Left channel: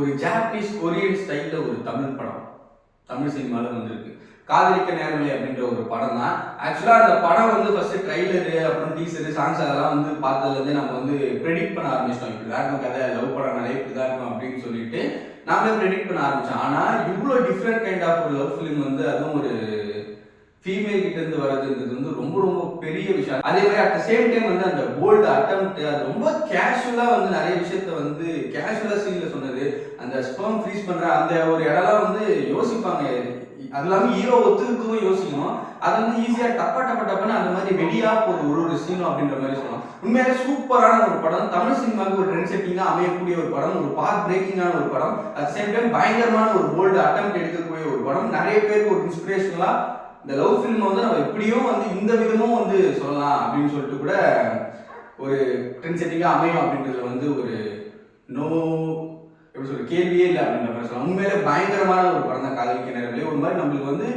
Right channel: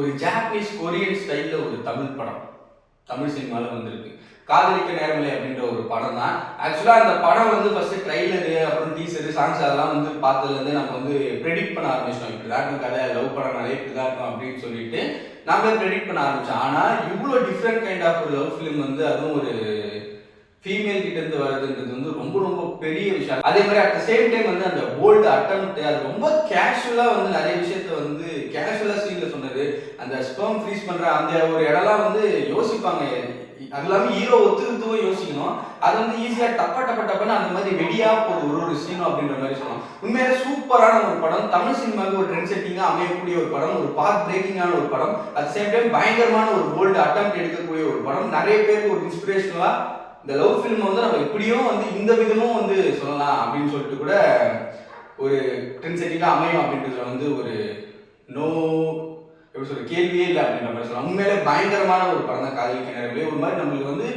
ஒரு Japanese Korean ஸ்டைல்ல ஒரு தமிழ் படம் தமிழ் சினிமாவில் வந்திருக்கு. காதலிக்க நேரமில்லை அப்படின்ற ஒரு படம் தான். ஆக்சுவலாக அந்த படம் வந்து ஃபர்ஸ்ட் ட்ரைலரு அப்புறம் டீசரு சாங்ஸ் அதெல்லாம் வந்து பார்த்ததுலேருந்தே நம்ம வந்து ப்ரெடிக்ட் பண்ண ஆரம்பிச்சோம். இப்படி தான் இருக்கும் கதை, லவ் படம்னாலே இப்படி தான் இருக்கும் அப்படின்னு சொல்லிட்டு நாமளே ப்ரெடிக்ட் பண்ண ஆரம்பிச்சோம். ஆனால் இவ்வளோ டிஃப்ரெண்ட் கைண்ட் ஆஃப் ஒரு லவ் ஃபிலிம் வந்து அதுவும் ஒரு ஃபீமேல் கிட்ட இருந்து வர்றதுன்றது வந்து ரொம்ப ரொம்ப பெரிய விஷயம். அதே மாதிரி அட் த சேம் டைம் வந்து அந்த போல்டு அட்டம்ப்ட் அது ரொம்ப கேஷுவலா வந்து நிறைய விஷயத்த வந்து கேஷுவலா சீன்ல சொன்னது. அந்த ஸ்பெர்ம் ஃப்ரீஸ் பண்ற அந்த ஒரு இடம்லாம் வந்து யோசிப்பாங்க. அது இல்லாமல் ஹீரோ ஒத்துக்கிறதுக்கும் யோசிக்கணும். அது வந்து ஈஸியா டப்பான்னு அந்த மாதிரி வெடியா போகுது ஒரு சீனும் அப்படின்ற மாதிரி சொல்லணும். உண்மையிலே சூப்பரான ஒரு படம். தமிழ் சினிமாவுக்கு ஒரு ட்ரெண்ட் செட்டிங்கா அமையக்கூடிய ஒரு படம், ஒரு பாத் பிரேக்கிங்கான ஒரு படம், அட் சேம் டைம் பயங்கரமான ஒரு போல்டு அட்டம்ப்ட் எடுக்கக்கூடிய ஒரு படம். நிறைய பேருக்கு ஒரு இன்ஸ்பிரேஷனலா இந்த லவ் ஃபிலிம் வந்து நம்ம எப்படியும் வந்து இந்த விதமும் வந்து சொல்லலாம் அப்படின்னு சொல்லிட்டு கூட ஒரு ட்ரெண்ட் செட்டிங்காக அமையும் அப்படின்றதுல வந்து ஒரு நோ எப்படி சொல்ற கேள்வியே இல்லை அப்படின்ற மாதிரி சொல்லலாம். உண்மையிலே பயங்கரமான ஒரு படம் தான் காதலிக்க நேரங்களே. ஒரு மாதிரி நம்மளுக்கு வந்து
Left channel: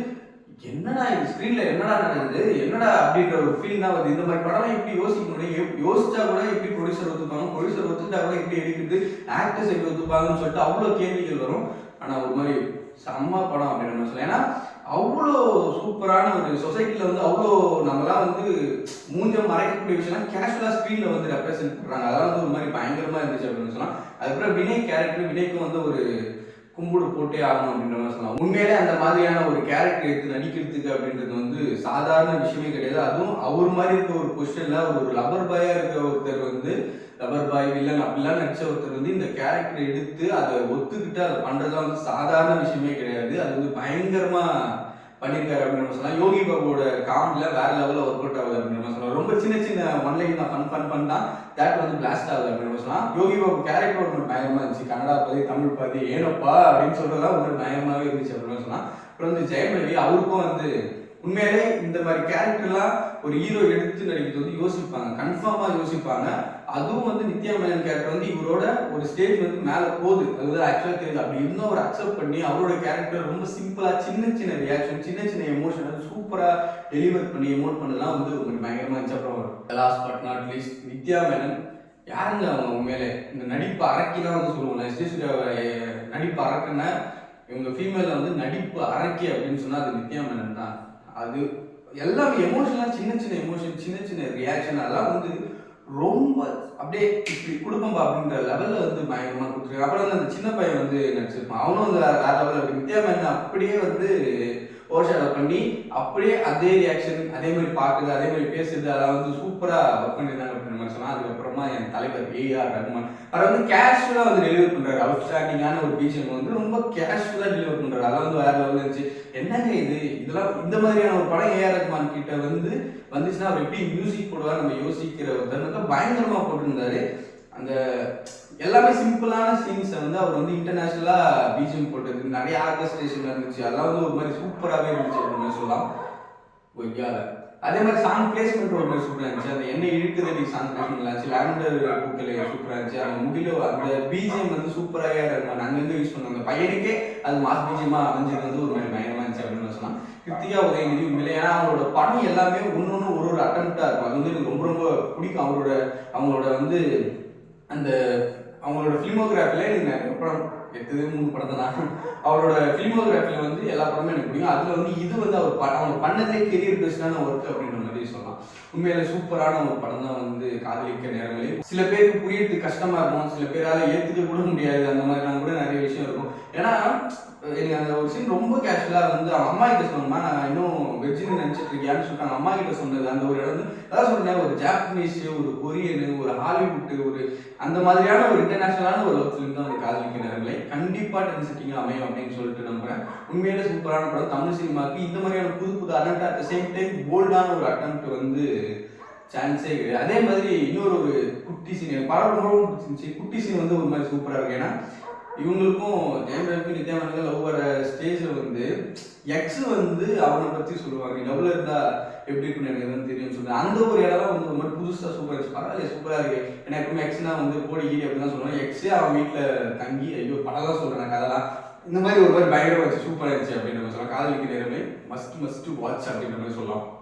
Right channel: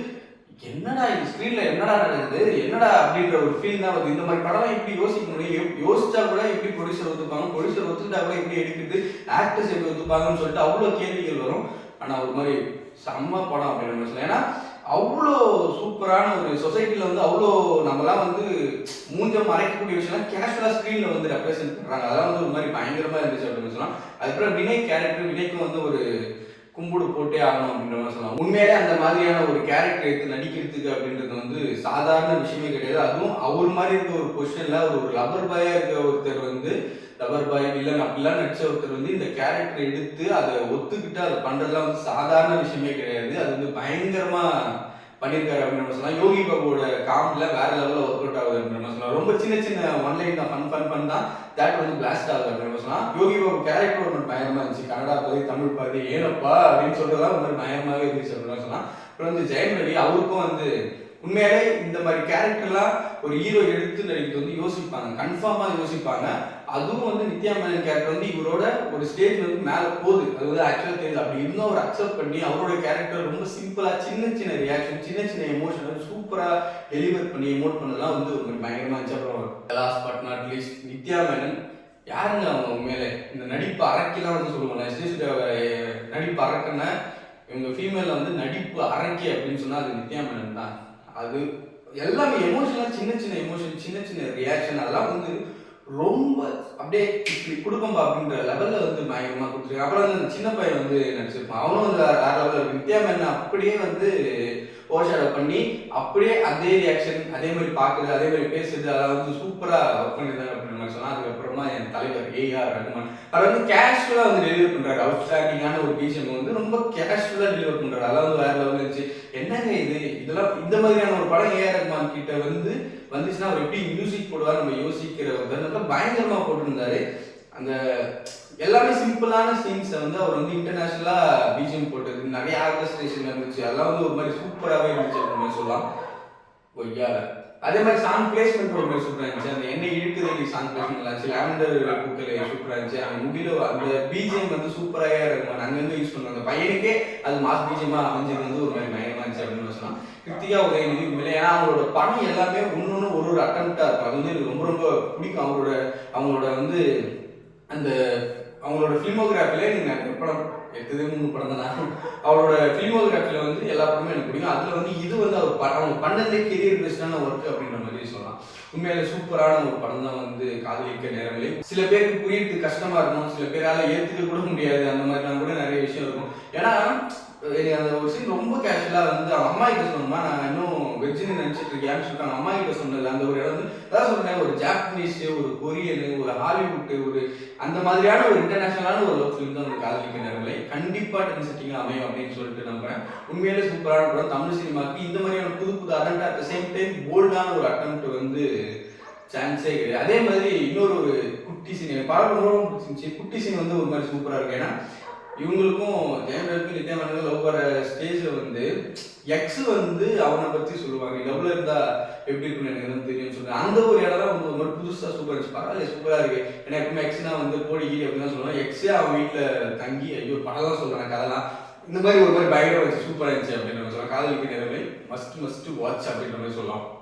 என்னடா இது ஸ்க்ரீன்ல என்னடா நடக்குது என்னடா அப்படின்ற ஒரு ஃபீல் தான் வருது. இந்த மாதிரி படம் எப்படி யோசிக்க முடியும், யோசிச்சா கூட எப்படி ப்ரொடியூசர் ஒத்துப்பாங்க, ப்ரொடியூசர் ஒத்துக்கிட்டா கூட எப்படி எடுக்குது, ஆக்டர்ஸ் எப்படி ஒத்துப்பாங்கன்னு சொல்லிட்டு அவ்வளோ கேள்விகள் வரும். ஆனால் ஒரு மாதிரி செம்ம படம் அப்படின்னு சொல்லலாம். ஏன்னா அவ்வளோ சூப்பரான ஒரு சொசைட்டியில் வந்து அவ்வளோ நம்மளாம் வந்து மூஞ்சம் மறைக்கக்கூடிய விஷயம்லாம் கேஷுவலாக ஸ்க்ரீனில் வந்து ரெப்ரசென்ட் பண்ணுறாங்க. அதெல்லாம் வந்து ஒரு மாதிரி பயங்கரமாக இருந்துச்சு அப்படின்னு சொல்லலாம். அதுக்கப்புறம் வினய் கேரக்டர், வினய்க்கும் வந்து ஒரு கும்பிடு போட்டே ஆகணும் அப்படின்ற மாதிரி சொல்லலாம். உண்மையிலே அந்த மாதிரியான ஒரு கேரக்டர் எடுத்து நடிக்கிறதுக்கு அப்படின்றது வந்து சாதாரண விஷயமே கிடையாது. அதுவும் அவர் மாதிரி இருக்க ஒரு பொசிஷனில் ஒரு லவர் பாயாக இருக்க ஒருத்தர் வந்து லவர் பாய் வில்லன் அப்படிலாம் நடிச்ச ஒருத்தர் வந்து இந்த கேரக்டர் எடுத்து அதை ஒத்துக்கிட்டு அதை பண்ணுறதுலாம் வந்து சாதாரண விஷயமே கிடையாது. அது வந்து பயங்கரமாக பண்ணியிருக்காரு அப்படின்னு சொல்லலாம். யோகி பாபுவோட காமெடியில் வேற லெவலில் ஒர்க் அவுட் ஆகுது அப்படின்னு சொல்லலாம். ரொம்ப சின்ன சின்ன ஒன்லைன் தான் ஃபன் தான் தேட் வந்து பிளாஸ்ட் ஆகுது அப்படின்னு சொல்லலாம். யோகி பாபு கேரக்டர் ஒன்று பயங்கரமாக இருந்துச்சு. கன்னடா பாதி தமிழ் பாதி ஏனப்பா அப்படின்னு சொல்றதெல்லாம் ஒரு பயங்கரமாகவே இருந்துச்சு அப்படின்னு சொல்லலாம். அப்புறம் வந்து ஜெயம் ரவி அவருக்கும் வந்து உண்மையிலே இந்த மாதிரி கேரக்டர்லாம் ஒரு ஹீரோ எடுத்து நடிக்கிறது வந்து யோசிப்பாங்க, கன்ஃபார்மாக யோசிப்பாங்க. அதுவும் வந்து நித்யா மேனன் கேரக்டர் வந்து இவரோட ஒரு ஸ்டேஜ் வந்து மேலே போகுது, அது வந்து ஆக்சுவலாக தெரியுது. அப்படி இன்னும் அவர் அக்செப்ட் பண்ணி அவரோட கேரக்டர் ரொம்ப சிம்பிளாக சின்ன சின்ன ரியாக்ஷன், சின்ன சின்ன எமோஷன் வந்து சூப்பராக டெலிவர் பண்ணி எமோட் பண்ணலாம் வந்து ஒரு பயங்கரமாக இருந்துச்சு. அப்புறம் last but not least Nithya Menon யாருங்க அவங்க உண்மையிலே இந்த நடிப்பு அரக்கிலாம் வந்து சொல்லுவாங்க. நடிப்பு அரக்குன்னா இவங்க ஃபீமேலில் வந்து நடிப்பு அரக்கி அப்படின்னு சொன்னால் அது நித்யா மேனன் தான். அது எல்லாமே எமோஷன்லாம் சின்ன சின்ன எமோஷன், சின்ன சின்ன ரியாக்ஷன் அதெல்லாம் வந்து ரொம்ப அப்படியே இப்படி கொடுப்பம்பா அப்படின்ற லெவலில் வந்து பயங்கரமாக கொடுத்துருக்காங்க. அப்புறம் வந்து அந்த சின்ன பையன் வந்து நடிச்சிருப்பான். அவனும் வந்து வேற லெவலில் நித்யா மேனன் அப்படியே வந்து ஓஷாடை பண்ணி அப்படியே அதே ரியாக்ஷன் அதே மாதிரி பார்க்குறது அதே மாதிரி பேசுறது அதெல்லாம் வந்து சூப்பராக ஒர்க் பண்ணியிருந்தாங்க அப்படின்னு மாதிரி சொன்னால். அதுக்கப்புறமா என் தலைவர் ஏஆர் ரஹ்மான் அதை வந்து கேஷுவலாக வந்து டெலிவர் பண்ணுறாரு. அவுட்ஸ்டாண்டிங்கான ஒரு பிஜிஎம் வந்து ரொம்ப கேஷுவலாக டெலிவர் பண்ணுறாரு. அதெல்லாம் வந்து வேற லெவலில் இருந்துச்சு. என்னங்க இதெல்லாம் இந்த மாதிரியான ஒரு படம் ஏஆர் ரஹ்மான் கிட்ட வந்துச்சுன்னா அவர் எப்படி மியூசிக் போடுவார் நம்ம யோசிக்கிற ஒரு தருணத்தில் பயங்கரமாக போட்டிருந்தாரு. அந்த எல்லாமே சிம்பிளான சீன்ஸை வந்து அவர் வந்து இன்டர்நேஷ்னலாக பிஜிஎம் போட்டது நிறைய ஆர்கஸ்ட்ரேஷன் இருந்துச்சு. அதெல்லாம் வந்து ஒரு மாதிரி சூப்பராகவே இருந்துச்சு அப்படின்னு சொல்லலாம். ஒய்யால அதே மாதிரி சாங் பிளேஸ்மெண்ட் ஒரு மாதிரி சூப்பராக இருந்துச்சு. அந்த எண்ணெய் இழுக்குதடி சாங் பிளேஸ்மெண்ட் இருந்துச்சு. லாவெண்டர் பூக்களை சூப்பராக இருந்துச்சு. அந்த முடியல அந்த பிஜிஎம் வந்து சூப்பராக இருக்கும். அங்கேருந்து யூஸ் பண்ணுவாங்க. அந்த பையனுக்கே அது மாஸ் பிஜிஎமாக அமைஞ்சது வந்து ஒரு மாதிரி பயங்கரமாக இருந்துச்சு அப்படின்னு சொல்லலாம். கிருத்திகா உதயநிதி உண்மையிலே ஏன்னா அவங்களோட படம் எல்லாமே ஒன்னொன்று ஒரு அட்டம்ப்டாக இருக்கும். அது வந்து எனக்கு ரொம்ப ரொம்ப பிடிக்கும். அவங்களோட வந்து அந்த அவங்களோட ஃபிலிமோகிராஃபிலே நீங்கள் நிறைய படம் எடுத்ததே 3 படம் தான். அவரோட ஃபிலிமோகிராஃபியில் வந்து எல்லா படமும் எனக்கு பிடிக்கும். அதில் வந்து இது வந்து அவங்க பண்ணதே கெரியர் பெஸ்டான ஒர்க் அப்படின்ற மாதிரி சொல்லலாம். உண்மையில சூப்பரான ஒரு படம் தான் வந்து காதலிக்க நேரங்களே. சில பேருக்கு புரியறதுக்கு கஷ்டமா இருக்கும், சில பேரால் ஏற்றுக்க கூட முடியாது. அந்த மாதிரிலாம் கூட நிறைய விஷயம் இருக்கும். ஏன்னா எனக்கு அந்த ஒரு சீன் ரொம்ப கேஷுவலாக வந்து அவங்க அம்மா கிட்ட சொன்னா நான் இன்னும் வெஜ்ஜுன்னு நினச்சிட்டு இருக்கேன்னு சொல்லிட்டு அவங்க அம்மா கிட்ட சொன்னது அந்த ஒரு இடம் வந்து அதான் சொல்றேன். ஒரு ஜாப்பனீஸ், ஒரு கொரியனு, ஒரு ஹாலிவுட்டு, ஒரு அந்த மாதிரியான ஒரு இன்டர்நேஷனலான ஒரு ஃபிலிம் தான் ஒரு காதலிக்க நேரங்களே. கண்டிப்பாக ட்ரெண்ட் செட்டிங் அமையும் அப்படின்னு சொல்லிட்டு நம்புறேன். உண்மையிலே சூப்பரான படம். தமிழ் சினிமாவுக்கு இந்த மாதிரியான புது புது attempt at the same time போல்டான ஒரு அட்டம்ப்ட் வந்து சான்ஸே கிடையாது. அதே மாதிரி இன்னொரு ஒரு குட்டி சீன் படம் ரொம்ப பிடிச்சிருந்துச்சு. குட்டி சீன் வந்து ஒரு மாதிரி சூப்பராக இருக்கு. ஏன்னா இவங்களுக்கும் ஜெயம் ரவிக்கும் நித்யா மேனனுக்கும் லவ் வர ஸ்டேஜில் வந்து எக்ஸ் வந்து அவனை பற்றி சொல்லுவாங்க. லவ்ல இருந்தா எப்படி இருக்குன்னு எனக்கு எதுவும் தெரியும்னு சொல்லுவாங்க. அந்த ஒரு இடம் வந்து ஒரு மாதிரி புதுசாக சூப்பராக இருந்துச்சு. பரவாயில்ல சூப்பராக இருக்கு. ஏன்னா எப்பவுமே எக்ஸ்னா வந்து கோடி கீடி அப்படின்னு சொல்லுவாங்க. எக்ஸே அவன் வீட்டில் தங்கி ஐயோ படம் தான் சொல்கிறேன் கதெல்லாம் இந்த மாதிரி ஒரு மாதிரி பயங்கரம் வச்சு சூப்பராக இருந்துச்சு அப்படின்னு நம்ம சொல்லலாம். காதலிக்க நேரமே மஸ்ட் வாட்ச் அப்படின்ற மாதிரி சொல்லலாம்.